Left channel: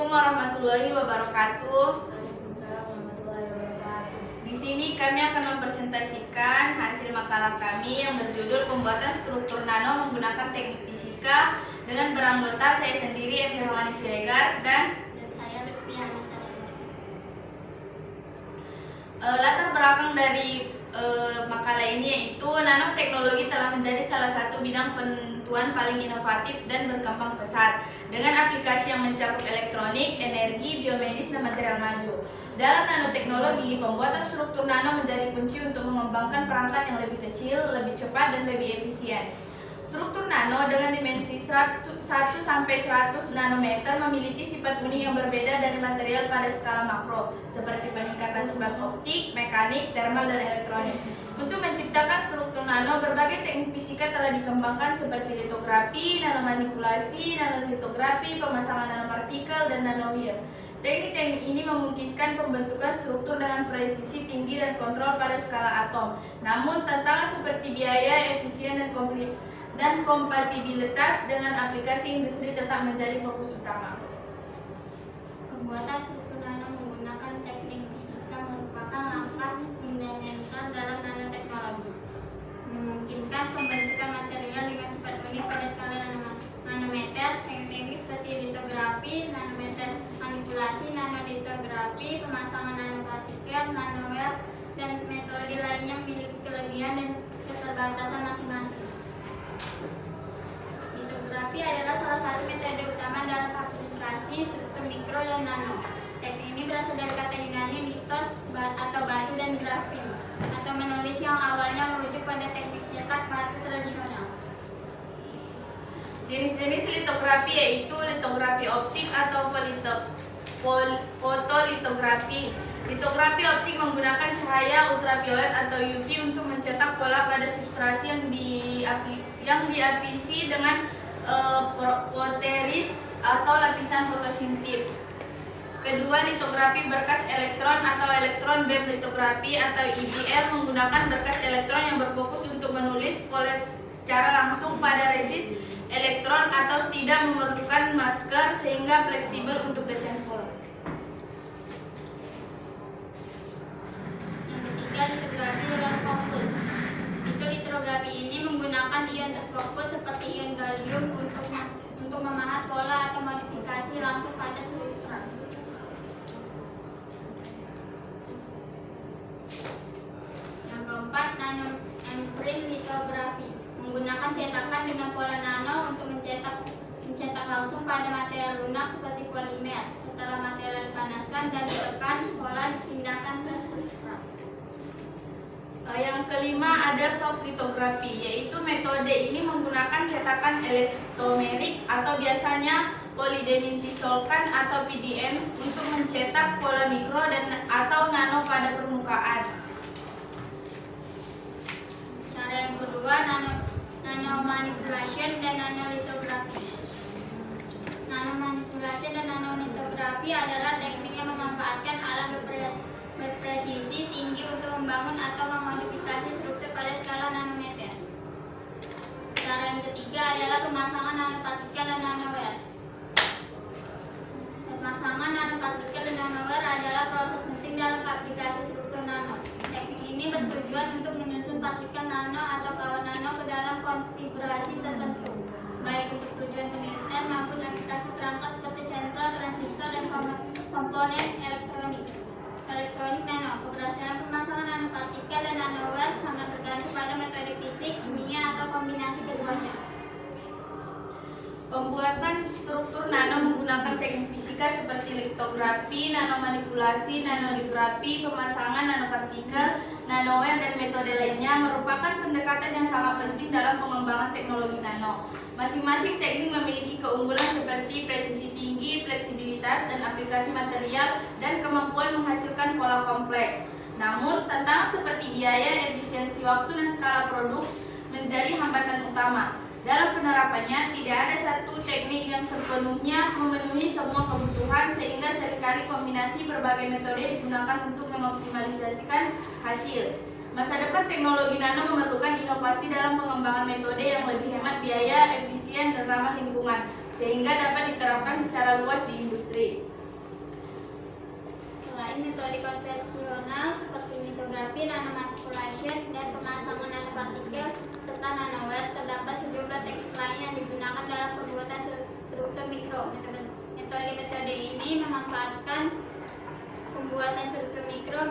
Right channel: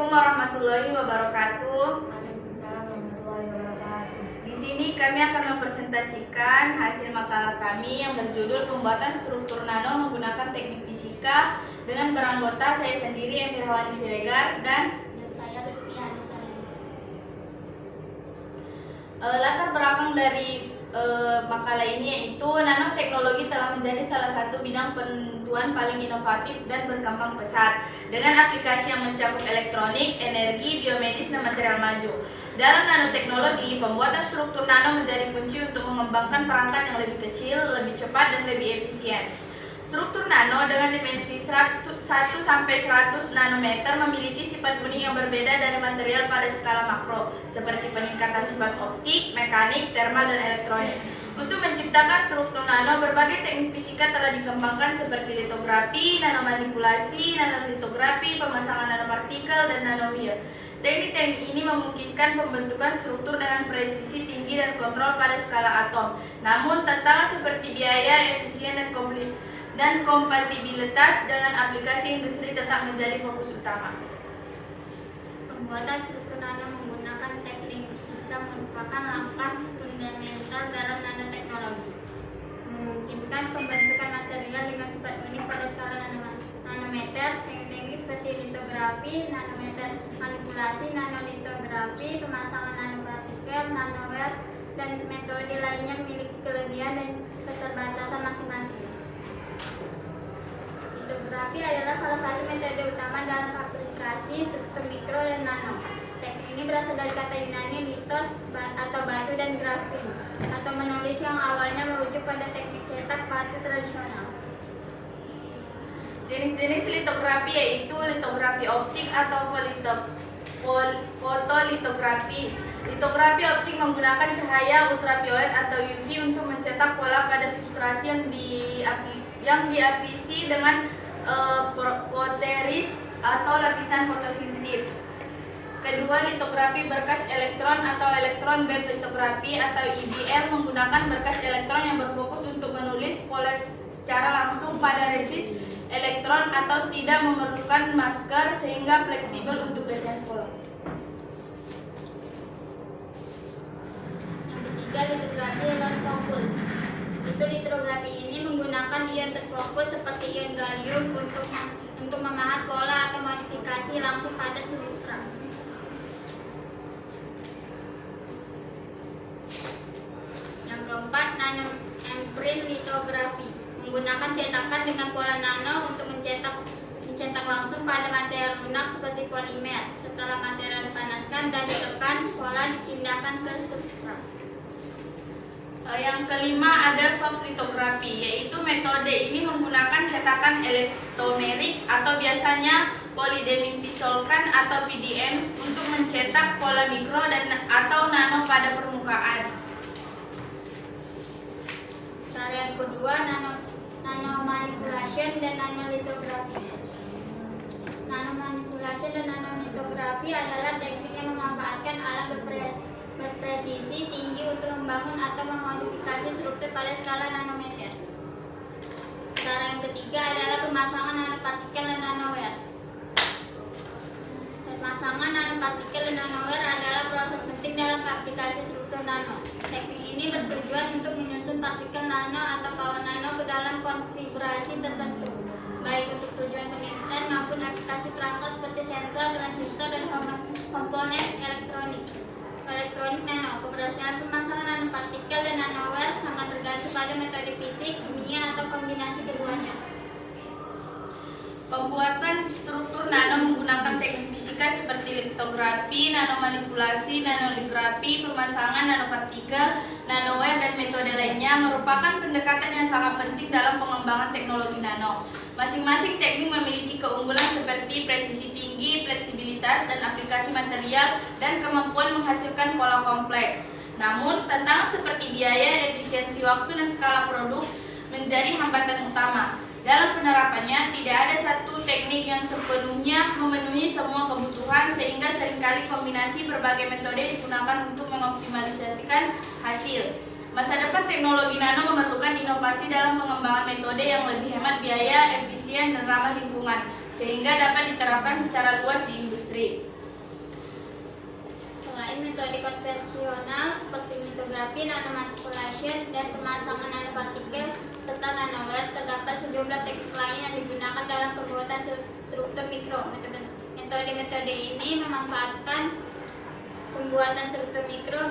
Assalamualaikum warahmatullahi wabarakatuh. Waalaikumsalam warahmatullahi wabarakatuh. Di sini kami akan mempresentasikan hasil makalah kami yang berjudul Pembuatan Struktur Nano Menggunakan Teknik Fisika dengan beranggota saya sendiri Evi Rawani Siregar dan saya Lutfi Hanisa. latar belakang dari makalah ini yaitu nanoteknologi telah menjadi salah satu bidang penentuan paling inovatif dan berkembang pesat dengan aplikasi yang mencakup elektronik, energi, biomedis, dan material maju. Dalam nanoteknologi, pembuatan struktur nano menjadi kunci untuk mengembangkan perangkat yang lebih kecil, lebih cepat, dan lebih efisien. Struktur nano dengan dimensi 1-100 nanometer memiliki sifat unik yang berbeda dari material pada skala makro, seperti peningkatan sifat optik, mekanik, termal, dan elektronik. Untuk menciptakan struktur nano, berbagai teknik fisika telah dikembangkan seperti litografi, nanomanipulasi, nanolitografi, pemasangan nanopartikel, dan nanowire. Teknik-teknik ini memungkinkan pembentukan struktur dengan presisi tinggi dan kontrol pada skala atom. Namun, tantangan seperti biaya, efisien, dan kompatibilitas dengan aplikasi industri tetap menjadi fokus utama. Pembuatan struktur nano menggunakan teknik fisika merupakan langkah fundamental dalam nanoteknologi. Memungkinkan pembentukan material dengan sifat unik pada skala nanometer. Teknik seperti litografi, nanometer manipulasi, nanolitografi, pemasangan nanopartikel, nanowire, dan metode lainnya memiliki kelebihan dan keterbatasan masing-masing. Litografi adalah salah satu metode utama dalam aplikasi struktur mikro dan nano. Teknik ini berasal dari kata Yunani litos atau batu dan grafin atau menulis yang awalnya merujuk pada teknik cetak batu tradisional. Jenis-jenis litografi yaitu litografi optik atau fotolitografi. Litografi optik menggunakan cahaya ultraviolet atau UV untuk mencetak pola pada substansi yang diapisi dengan poteris atau lapisan fotosintetik. Kedua, litografi berkas elektron atau elektron beam litografi atau EBL menggunakan berkas elektron yang berfokus untuk menulis pola secara langsung pada resis elektron atau tidak memerlukan masker sehingga fleksibel untuk desain pola. Yang ketiga, litografi overfokus. Litografi ini menggunakan ion terfokus seperti ion gallium untuk memahat pola atau modifikasi langsung pada substrat. Yang keempat, nanoimprint litografi menggunakan cetakan dengan pola nano untuk mencetak langsung pada material lunak seperti polimer. Setelah material dipanaskan dan ditekan, pola dipindahkan ke substrat. Yang kelima ada soft litografi, yaitu metode ini menggunakan cetakan elastomerik atau biasanya polydimensional atau PDMs untuk mencetak pola mikro dan atau nano pada permukaan. Cara yang kedua, nanomanipulation dan nanolitografi. Nanomanipulation dan nanolitografi adalah teknik yang memanfaatkan alat berpresisi tinggi untuk membangun atau memodifikasi struktur pada skala nanometer. Cara yang ketiga adalah pemasangan nanopartikel dan nanowire. Pemasangan nanopartikel dan nanowire adalah proses penting dalam aplikasi struktur nano. Teknik ini bertujuan untuk menyusun partikel nano atau kawan nano ke dalam konfigurasi tertentu, baik untuk tujuan penelitian maupun aplikasi perangkat seperti sensor, transistor, dan komponen elektronik nano. Keberhasilan pemasangan nanopartikel dan nanowire sangat tergantung pada metode fisik, kimia, atau kombinasi keduanya. Pembuatan struktur nano menggunakan teknik fisika seperti litografi, nanomanipulasi, nanoligrafi, pemasangan nanopartikel, nanowire, dan metode lainnya merupakan pendekatan yang sangat penting dalam pengembangan teknologi nano. Masing-masing teknik memiliki keunggulan seperti presisi tinggi, fleksibilitas, dan aplikasi material, dan kemampuan menghasilkan pola kompleks. Namun, tantangan seperti biaya, efisiensi waktu, dan skala produk menjadi hambatan utama. Dalam penerapannya, tidak ada satu teknik yang sepenuhnya memenuhi semua kebutuhan, sehingga seringkali kombinasi berbagai metode digunakan untuk mengoptimalisasikan hasil. Masa depan teknologi nano memerlukan inovasi dalam pengembangan metode yang lebih hemat biaya, efisien, dan ramah lingkungan, sehingga dapat diterapkan secara luas di industri. industri. Selain metode konvensional seperti litografi, nanomanipulation, dan pemasangan nanopartikel serta nanowire, terdapat sejumlah teknik lain yang digunakan dalam pembuatan struktur mikro. Metode-metode ini memanfaatkan pembuatan struktur mikro,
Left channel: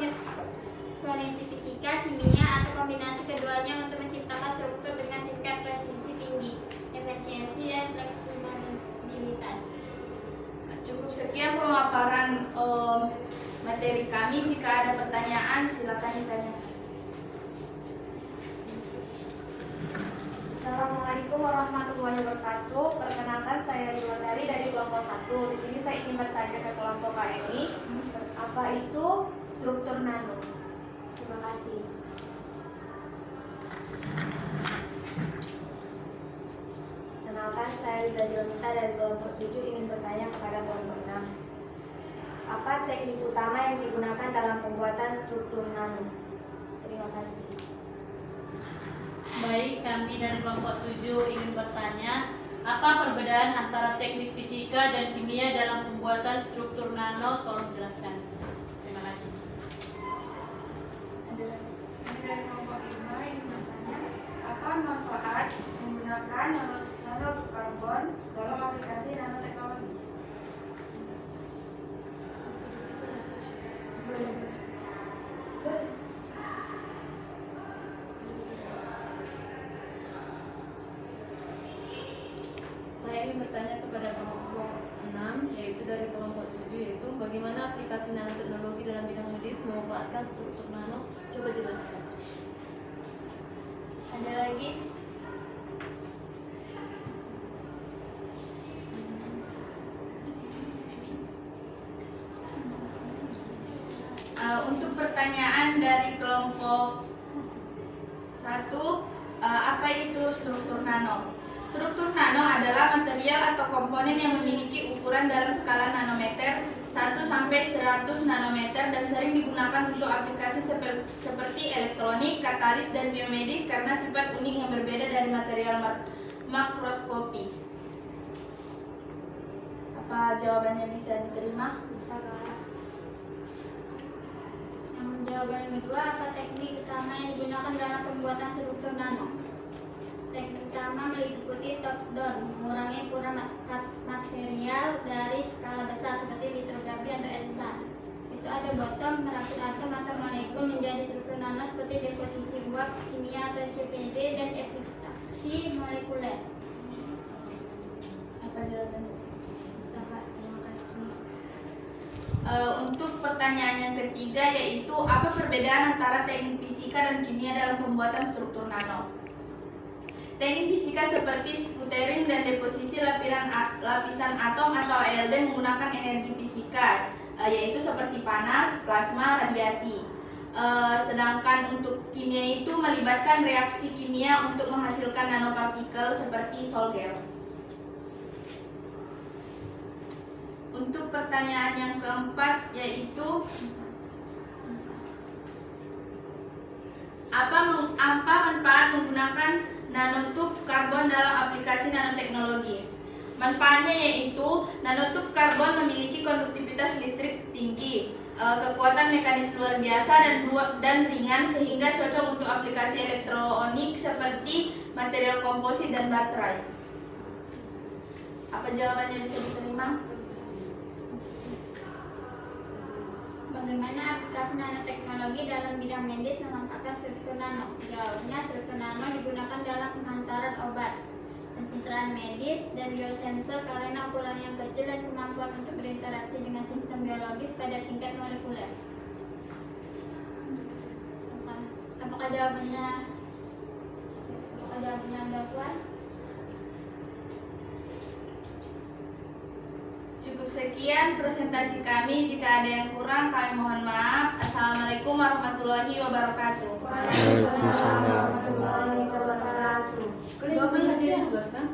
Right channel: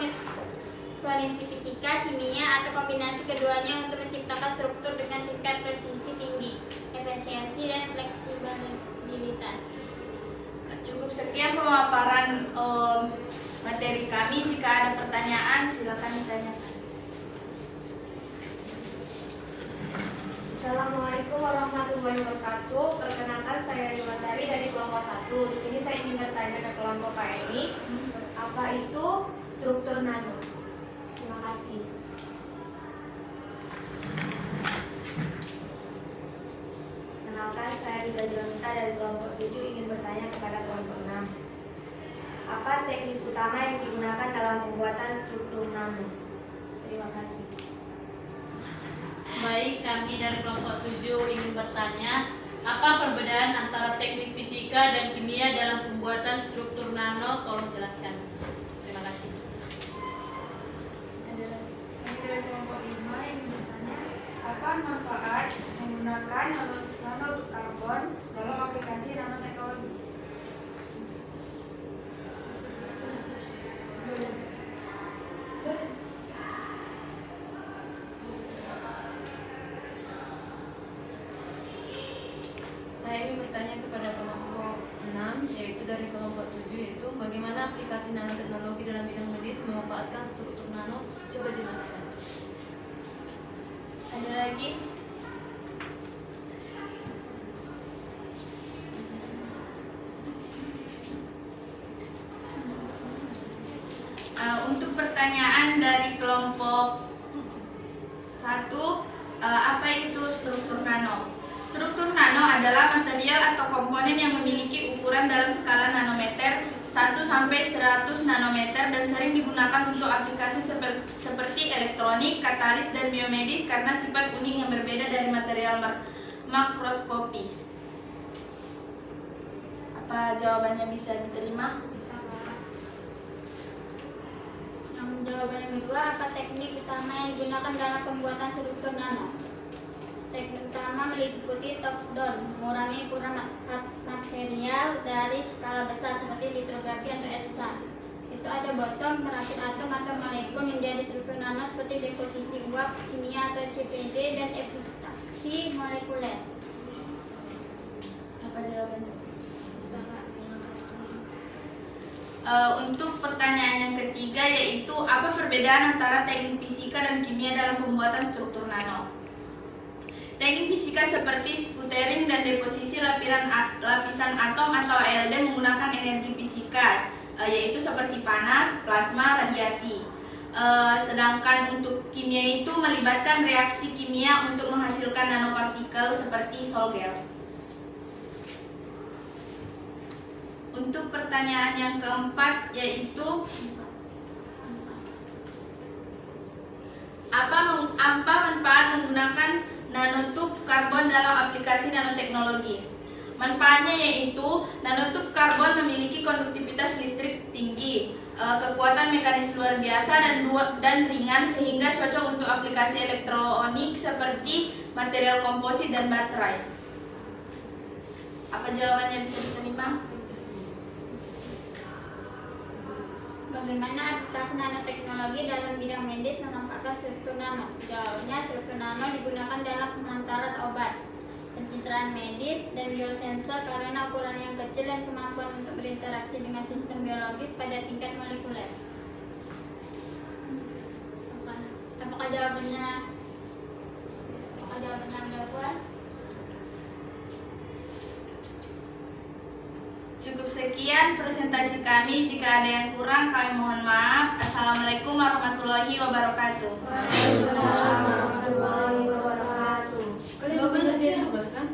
kondisi fisika, kimia, atau kombinasi keduanya untuk menciptakan struktur dengan tingkat presisi tinggi, efisiensi, dan fleksibilitas. Cukup sekian pemaparan materi kami. Jika ada pertanyaan, silakan ditanyakan. Assalamualaikum warahmatullahi wabarakatuh. Perkenalkan, saya Diwatari dari kelompok 1. Di sini saya ingin bertanya ke kelompok KMI, apa itu struktur nano? Terima kasih. Kenalkan, saya Rida Jonita dari kelompok 7 ingin bertanya kepada kelompok 6. Apa teknik utama yang digunakan dalam pembuatan struktur nano? Terima kasih. Baik, kami dari kelompok 7 ingin bertanya, apa perbedaan antara teknik fisika dan kimia dalam pembuatan struktur nano? Tolong jelaskan. Terima kasih. Kami dari kelompok 5 yang bertanya, apa manfaat menggunakan nanokarbon dalam aplikasi nanoteknologi? Saya ingin bertanya kepada kelompok 6, yaitu dari kelompok 7, yaitu bagaimana aplikasi nanoteknologi dalam bidang medis memanfaatkan struktur nano? Coba jelaskan. Ada lagi? Untuk pertanyaan dari kelompok 1, apa itu struktur nano? Struktur nano adalah material atau komponen yang memiliki ukuran dalam skala nanometer 1 sampai 100 nanometer dan sering digunakan untuk aplikasi seperti elektronik, katalis, dan biomedis karena sifat unik yang berbeda dari material makroskopis. Apa jawabannya bisa diterima? Bisa, Pak. Yang jawaban yang kedua, apa teknik utama yang digunakan dalam pembuatan struktur nano? Teknik utama meliputi top down, mengurangi ukuran material dari skala besar seperti litografi atau ELISA. Itu ada bottom, merapit atom atau molekul menjadi struktur nano seperti deposisi uap kimia atau CPD dan epitaksi molekuler. Apa jawabannya? Bisa, Pak. Terima kasih. Untuk pertanyaan yang ketiga, yaitu apa perbedaan antara teknik fisika dan kimia dalam pembuatan struktur nano? Teknik fisika seperti sputtering dan deposisi lapisan atom atau ALD menggunakan energi fisika, yaitu seperti panas, plasma, radiasi. Sedangkan untuk kimia itu melibatkan reaksi kimia untuk menghasilkan nanopartikel seperti Solger. Untuk pertanyaan yang keempat, yaitu apa manfaat menggunakan nanotube karbon dalam aplikasi nanoteknologi? Manfaatnya yaitu nanotube karbon memiliki konduktivitas listrik tinggi, kekuatan mekanis luar biasa dan ringan sehingga cocok untuk aplikasi elektronik seperti material komposit dan baterai. Apa jawabannya bisa diterima? Bagaimana aplikasi nanoteknologi dalam bidang medis memanfaatkan struktur nano? Jawabannya, struktur nano digunakan dalam penghantaran obat, pencitraan medis, dan biosensor karena ukuran yang kecil dan kemampuan untuk berinteraksi dengan sistem biologis pada tingkat molekuler. Apakah jawabannya Anda puas? Cukup sekian presentasi kami. Jika ada yang kurang, kami mohon maaf. Assalamualaikum warahmatullahi wabarakatuh. Waalaikumsalam warahmatullahi wabarakatuh. Kalian bisa ngerjain tugas kan?